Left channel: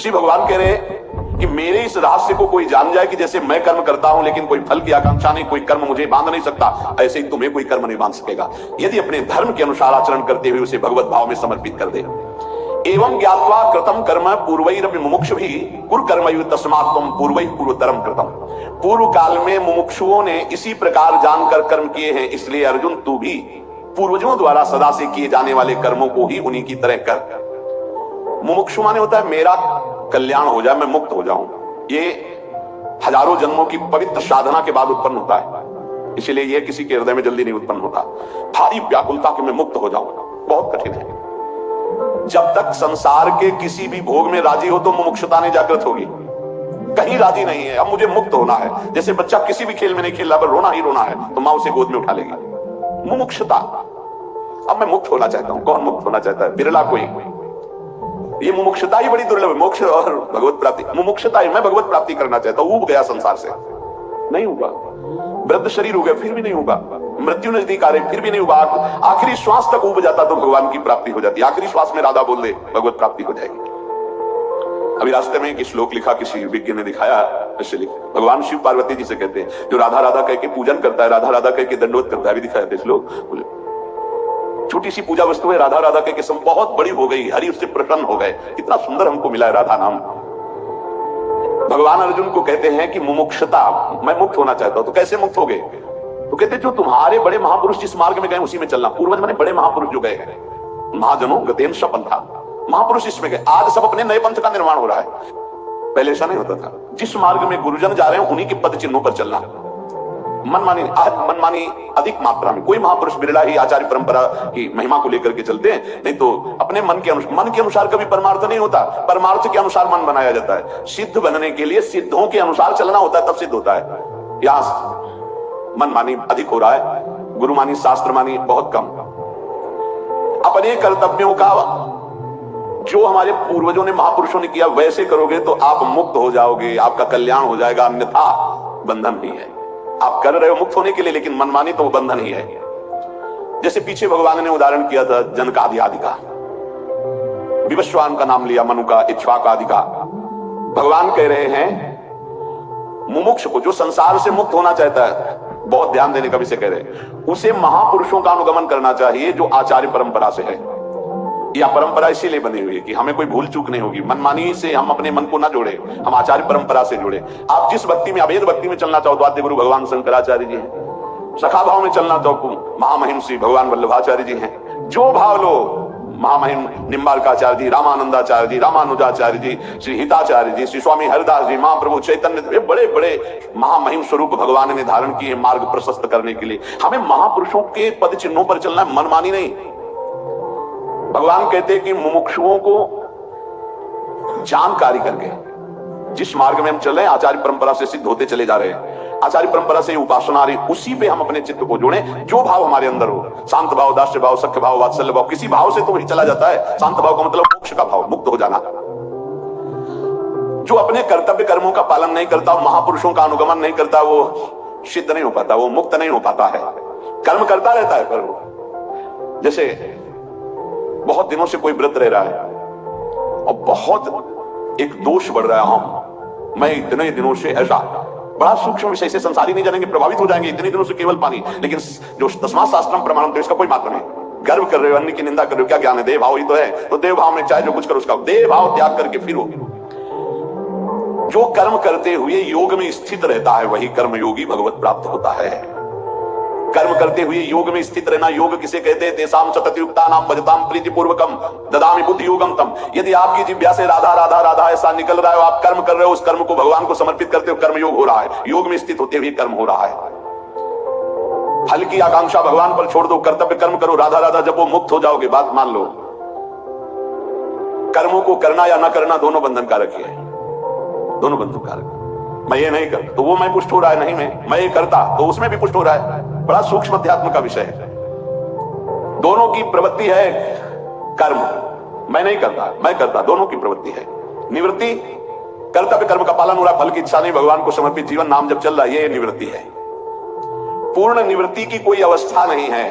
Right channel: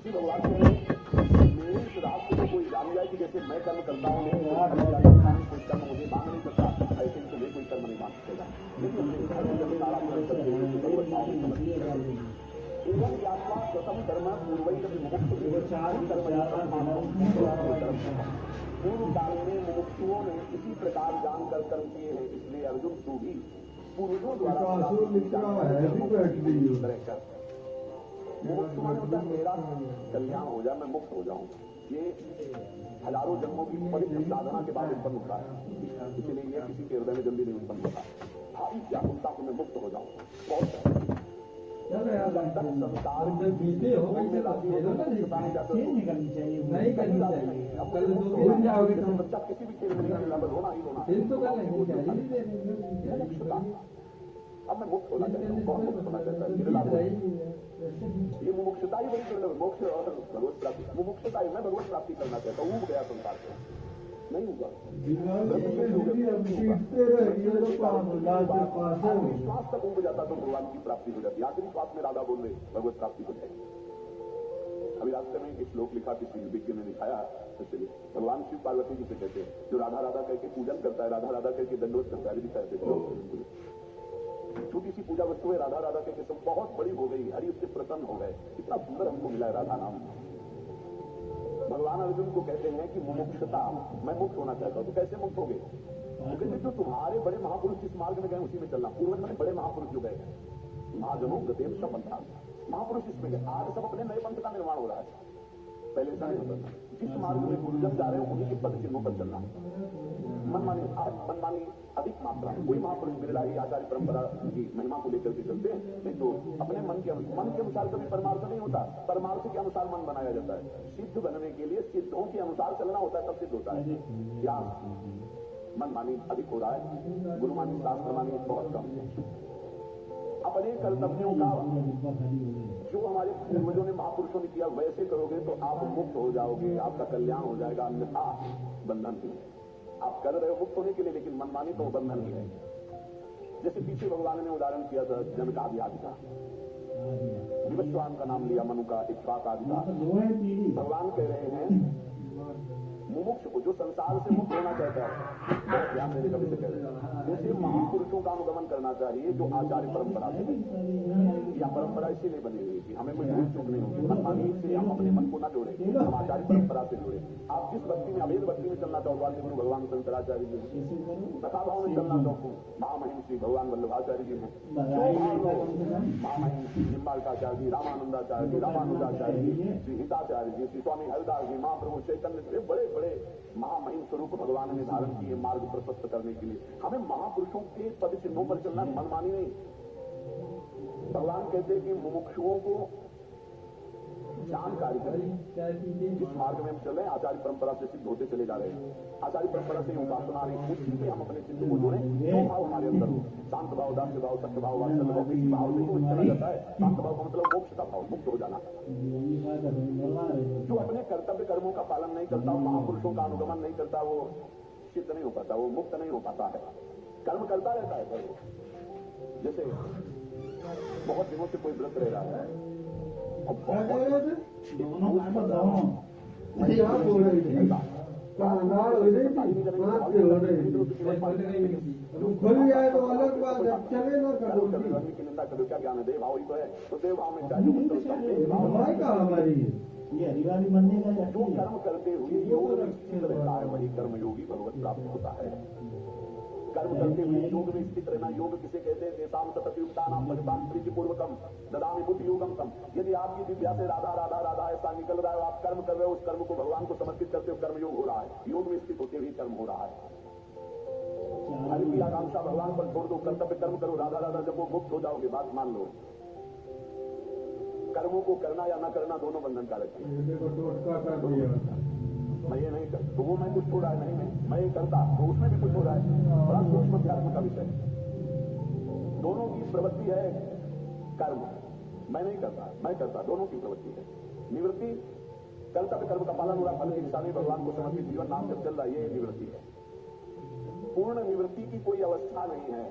श्री भगवान कह रहे हैं कि मेरे इस रहस्य को कोई जान जाए कि जैसे मैं कर्म करता हूं लेकिन कोई फल की आकांक्षा नहीं, कोई कर्म मुझे बांध नहीं सकता, ऐसे ही तुम्हें कोई कर्म नहीं बांध सकेगा यदि अपने धर्म के अनुसार आचरण करते हुए उसे भगवत भाव में समर्पित कर दे। एवं ज्ञात्वा कृतम कर्म पूर्वैरपि मुमुक्षुभिः कुरु कर्मैव तस्मात् त्वं पूर्वैः पूर्वतरम कृतम। पूर्व काल में मुमुक्षुओं ने इसी प्रकार जानकर कर्म किए हैं, इसलिए अर्जुन तू भी पूर्वजों द्वारा सदा से किए जाने वाले कर्मों को ही उन्हीं की तरह कर। मुमुक्षु माने होता है मेरा कल्याण हो जाए, मैं मुक्त हो जाऊं। ये हजारों जन्मों की पवित्र साधना के बाद उत्पन्न होता है, इसीलिए ये किसी के हृदय में जल्दी नहीं उत्पन्न होता। भारी व्याकुलता कि मैं मुक्त हो जाऊं बहुत कठिन है। जब तक संसार के किसी भी भोग में राजी हो तो मुमुक्षुता नहीं जागृत होगी। कहीं राजी नहीं है, अब मुझे मुक्त होना है। जैसे बच्चा किसी भी खेल में नहीं खेल रहा, पर रोना ही रोना है तो मां उसे गोद में उठा लेगी। मुमुक्षुता, अब मैं मुक्त होना चाहता हूं। कौन मुक्त होना चाहता है? बिरला कोई। ये मुमुक्षुता ही बड़ी दुर्लभ है। मोक्ष और भगवत प्राप्ति। मुमुक्षुता ही, मैं भगवत प्राप्ति करना चाहता हूं, ऊब गया संसार से, नहीं होगा। वृद्ध शरीर हो गया फिर भी नहीं होगा। मृत्यु नजदीक आ रही फिर भी नहीं होगा। आखिरी श्वास तक ऊब जाता तो भगवान की प्राप्ति हो जाती। आखिरी श्वास में राधा बोल दे भगवत प्राप्ति हो जाएगी। अभी रास्ते में एक श्लोक लिखा, किसी विज्ञ ने दिखाया, ऐसे लिखा। भगवान शिव पार्वती जी से कहते हैं, जो राधा राधा कह के पूजन करता है, राधा राधा कह के दंडवत करता है, अभी दिखाया था श्लोक। छोटी सी पूजा वस्तु है, राधा राधा कह के बहुत बड़ी हो गई, हरि उससे प्रसन्न हो गए, कितना सुंदर हमको मिला है राधा नाम। भगवान अर्जुन को कहते हैं कि मुमुक्षुता, मैं मुक्त होना चाहता हूं। तो कैसे मुक्त हो गए? तो कहते जो तुम्हारे बड़े महापुरुष जिस मार्ग में गए उसी में चलना। पूर्वज माने बड़े महापुरुष जो गए हैं, महाजनों गतेन स पंथा, महापुरुष इसमें गए। आज सब अपने नए पंथ का निर्माण हो रहा है, पहले ऐसा नहीं होता था। जिस मार्ग में गुरुजन जा रहे हैं उन्हीं के पद चिन्हों पर चलना। मनमानी अधिक मात्रा में, कोई महापुरुष बिरला ही आचार्य परंपरा की महिमा को लेकर के चलते हैं, नहीं तो अपने मन के अनुसार कभी परमार्थ नहीं होता। परमार्थ के अनुसार मन बनाया जाता है। सिद्ध बनने के लिए सिद्धों के अनुसार चलना होता है, तब सिद्ध होता है। यहाँ मनमानी अधिक हो रहा है, गुरुमानी शास्त्रमानी बहुत कम। अपने कर्तव्यों का जो हमारे पूर्वजों ने महापुरुषों ने किया वैसे करोगे तो आप मुक्त हो जाओगे, आपका कल्याण हो जाएगा। अन्यथा बंधन नहीं है। आप कर रहे हो मुक्त होने के लिए, लेकिन मनमानी तो बंधन ही है। जैसे पीछे भगवान ने उदाहरण किया था जनकादि आदि का, विवस्वान का नाम लिया, मनु का, इक्ष्वाक आदि का। भगवान कह रहे हैं मुमुक्ष को, जो संसार से मुक्त होना चाहता है, बहुत ध्यान देने का विषय कह रहे हैं, उसे महापुरुषों का अनुगमन करना चाहिए जो आचार्य परंपरा से है। यह परंपरा इसीलिए बनी हुई है कि हमें कोई भूल चूक नहीं होगी। मनमानी से हम अपने मन को ना जोड़े, हम आचार्य परंपरा से जोड़े। आप जिस भक्ति में, अभेद भक्ति में चलना चाहो तो आद्य गुरु भगवान शंकराचार्य जी हैं। सखा भाव में चलना चाहो महामहिम श्री भगवान वल्लभाचार्य जी हैं। जो भाव लो, महामहिम निम्बार्काचार्य जी, रामानंदाचार्य जी, रामानुजाचार्य जी, श्री हिताचार्य जी, श्री स्वामी हरिदास जी, महाप्रभु चैतन्य, बड़े बड़े महामहिम स्वरूप भगवान ने धारण किए मार्ग प्रशस्त करने के लिए। हमें महापुरुषों के पद चिन्हों पर चलना है, मनमानी नहीं। भगवान कहते हैं कि मुमुक्षुओं को जानकारी करके जिस मार्ग में हम चल रहे हैं, आचार्य परंपरा से सिद्ध होते चले जा रहे हैं, आचार्य परंपरा से उपासना आ रही, उसी पे हम अपने चित्त को जोड़ें। जो भाव हमारे अंदर हो, शांत भाव, दास्य भाव, सख्य भाव, वात्सल्य भाव, किसी भाव से तो वही चला जाता है। शांत भाव का मतलब मोक्ष का भाव, मुक्त हो जाना। जो अपने कर्तव्य कर्मों का पालन नहीं करता, महापुरुषों का अनुगमन नहीं करता, वो सिद्ध नहीं हो पाता, वो मुक्त नहीं हो पाता है। कर्म करता रहता है, पर जैसे बहुत दिनों से कोई व्रत रह रहा है और बहुत एक दोष बढ़ रहा है, हाँ मैं इतने दिनों से ऐसा, बड़ा सूक्ष्म विषय से संसारी नहीं जानेंगे, प्रभावित हो जाएंगे। इतने दिनों से केवल पानी, लेकिन जो तस्मात् शास्त्रम प्रमाणम, तो इसका कोई महत्व नहीं। गर्व कर रहे हो, अन्य की निंदा कर रहे हो, क्या ज्ञान है? देव भाव ही तो है। तो देव भाव में चाहे जो कुछ करो, उसका देव भाव त्याग करके फिरो। जो कर्म करते हुए योग में स्थित रहता है वही कर्म योगी भगवत प्राप्त होता है। कर्म करते हुए योग में स्थित रहना, योग किसे कहते हैं? तेसाम सततयुक्तानाम भजताम प्रीतिपूर्वकम ददामि बुद्धि योगम तम। यदि आपकी जिह्वा से राधा राधा राधा ऐसा निकल रहा है, आप कर्म कर रहे हो, उस कर्म को भगवान को समर्पित करते हो, कर्म योग हो रहा है। योग में स्थित होते हुए कर्म हो रहा है। फल की आकांक्षा भगवान पर छोड़ दो, कर्तव्य कर्म करो, राधा राधा जब वो मुक्त हो जाओगे। बात मान लो, कर्मों को करना या ना करना दोनों बंधन कारक है, दोनों बंधन कारक। मैं ये नहीं कर तो वो मैं पुष्ट हो रहा है, नहीं मैं ये करता तो उसमें भी पुष्ट हो रहा है। बड़ा सूक्ष्म अध्यात्म का विषय है। दोनों की प्रवृत्ति है कर्म, मैं नहीं करता मैं करता, दोनों की प्रवृत्ति है। निवृत्ति, कर्तव्य कर्म का पालन हो रहा है, फल की इच्छा नहीं, भगवान को समर्पित जीवन नाम जब चल रहा है, ये निवृत्ति है। पूर्ण निवृत्ति की कोई अवस्था नहीं है।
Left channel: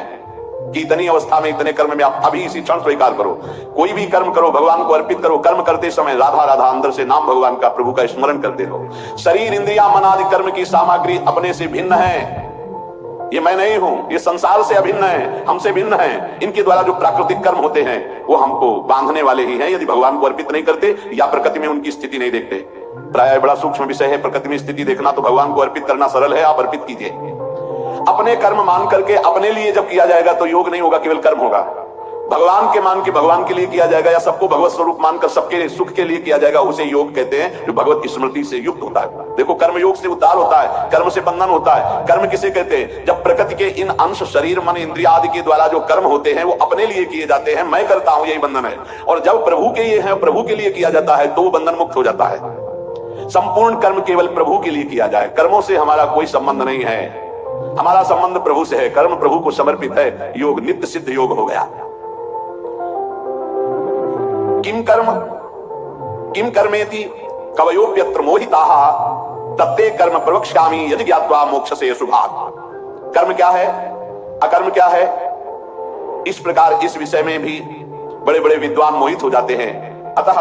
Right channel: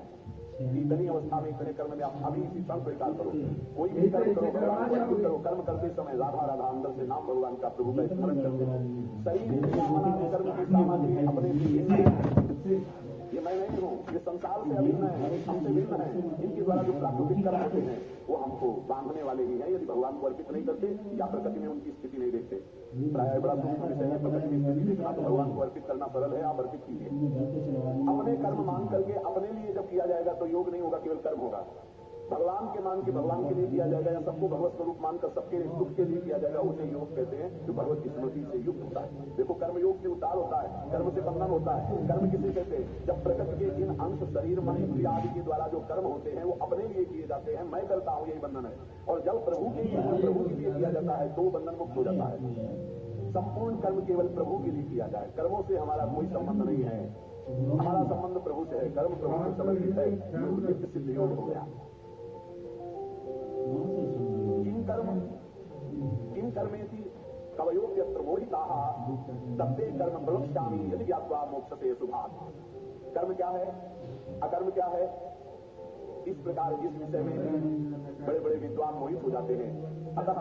कि इतनी अवस्था में इतने कर्म में आप अभी इसी क्षण स्वीकार करो। कोई भी कर्म करो, भगवान को अर्पित करो। कर्म करते समय राधा राधा अंदर से नाम भगवान का, प्रभु का स्मरण करते रहो। शरीर, इंद्रिया, मन आदि कर्म की सामग्री अपने से भिन्न है। ये मैं नहीं हूं, ये संसार से अभिन्न है, हमसे भिन्न है। इनके द्वारा जो प्राकृतिक कर्म होते हैं वो हमको बांधने वाले ही हैं, यदि भगवान को अर्पित नहीं करते या प्रकृति में उनकी स्थिति नहीं देखते। प्राय बड़ा सूक्ष्म विषय है प्रकृति में स्थिति देखना, तो भगवान को अर्पित करना सरल है, आप अर्पित कीजिए। अपने कर्म मान करके अपने लिए जब किया जाएगा तो योग नहीं होगा, केवल कर्म होगा। भगवान के मान के भगवान के लिए किया जाएगा या सबको भगवत स्वरूप मानकर सबके सुख के लिए किया जाएगा, उसे योग कहते हैं, जो भगवत स्मृति से युक्त होता है। देखो, कर्म योग से उद्धार होता है, कर्म से बंधन होता है। कर्म किसे कहते हैं? जब प्रकृति के इन अंश, शरीर, मन, इंद्रिया आदि के द्वारा जो कर्म होते हैं वो अपने लिए किए जाते हैं, मैं करता हूं, यही बंधन है। और जब प्रभु के लिए है, प्रभु के लिए किया जाता है, तो वो बंधन मुक्त हो जाता है। संपूर्ण कर्म केवल प्रभु के लिए किया जाए, कर्मों से हमारा कोई संबंध नहीं है, हमारा संबंध प्रभु से है। कर्म प्रभु को समर्पित है, योग नित्य सिद्ध योग हो गया। किम कर्मेति कवयोप्यत्र मोहिताः तत्ते कर्म प्रवक्ष्यामि यदि ज्ञात्वा मोक्षसे शुभात्। कर्म क्या है, अकर्म क्या है, इस प्रकार इस विषय में भी बड़े बड़े विद्वान मोहित हो जाते हैं। अतः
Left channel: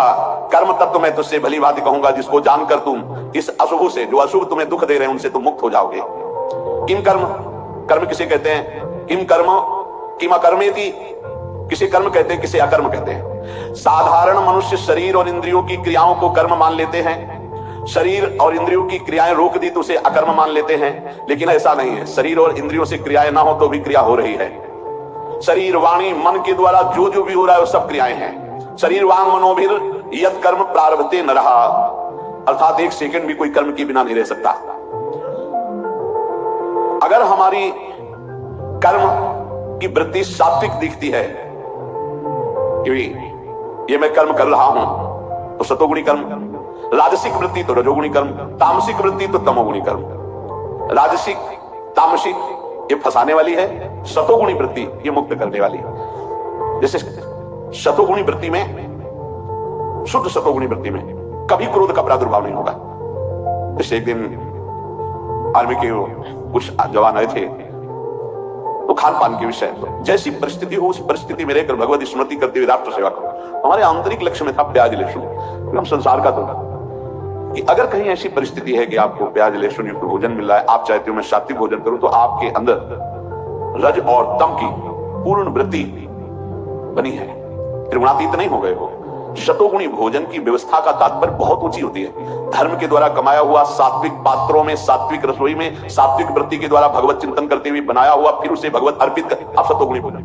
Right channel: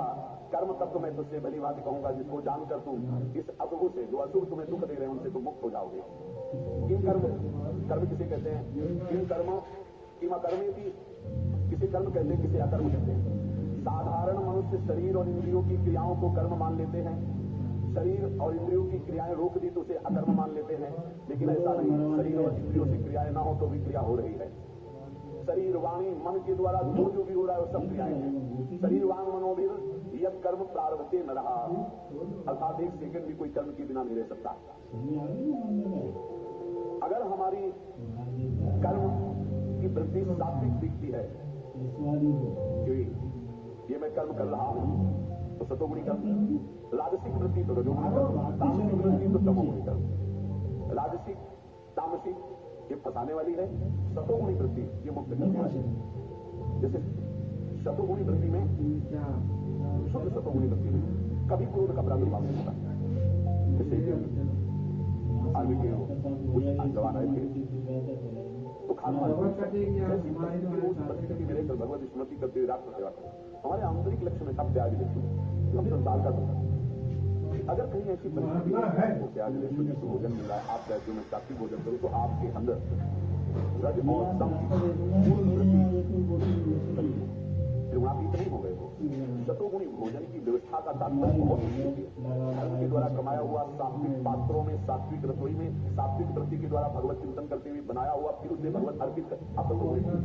कर्म तत्व मैं तुझसे भली भांति कहूंगा, जिसको जानकर तुम इस अशुभ से, जो अशुभ तुम्हें दुख दे रहे हैं, उनसे तुम मुक्त हो जाओगे। किम कर्म, कर्म किसे कहते हैं? किम कर्म किम अकर्मेति, किसे कर्म कहते हैं, किसे अकर्म कहते हैं। साधारण मनुष्य शरीर और इंद्रियों की क्रियाओं को कर्म मान लेते हैं। शरीर और इंद्रियों की क्रियाएं रोक दी तो उसे अकर्म मान लेते हैं, लेकिन ऐसा नहीं है। शरीर और इंद्रियों से क्रियाएं ना हो तो भी क्रिया हो रही है। शरीर, वाणी, मन के द्वारा जो जो भी हो रहा है वो सब क्रियाएं हैं। शरीर वांग मनोभिर यत् कर्म प्रारभते न रहा, अर्थात एक सेकंड भी कोई कर्म के बिना नहीं रह सकता। अगर हमारी कर्म की वृत्ति सात्विक दिखती है कि ये मैं कर्म कर रहा हूं, तो सतोगुणी कर्म। राजसिक वृत्ति तो रजोगुणी कर्म, तामसिक वृत्ति तो तमोगुणी कर्म। राजसिक, तामसिक ये फंसाने वाली है, सतोगुणी वृत्ति ये मुक्त करने वाली है। जैसे सतोगुणी वृत्ति में, शुद्ध सतोगुणी वृत्ति में कभी क्रोध का प्रादुर्भाव नहीं होगा। जैसे एक दिन आर्मी के कुछ जवान आए थे, तो खान पान के विषय, जैसी परिस्थिति हो उस परिस्थिति में रहकर भगवत स्मृति करते हुए राष्ट्र सेवा करो। हमारे आंतरिक लक्ष्य में था प्याज लहसुन, हम संसार का तो कि अगर कहीं ऐसी परिस्थिति है कि आपको प्याज लहसुन युक्त भोजन मिल रहा है, आप चाहते हो मैं सात्विक भोजन करूं, तो आपके अंदर रज और तम की पूर्ण वृत्ति बनी है, त्रिगुणातीत नहीं हो गए हो। शतोगुणी भोजन की व्यवस्था का तात्पर्य बहुत ऊंची होती है। धर्म के द्वारा कमाया हुआ सात्विक पात्रों में, सात्विक रसोई में, सात्विक वृत्ति के द्वारा भगवत चिंतन करते हुए बनाया हुआ, फिर उसे भगवत अर्पित कर, आप शतोगुणी भोजन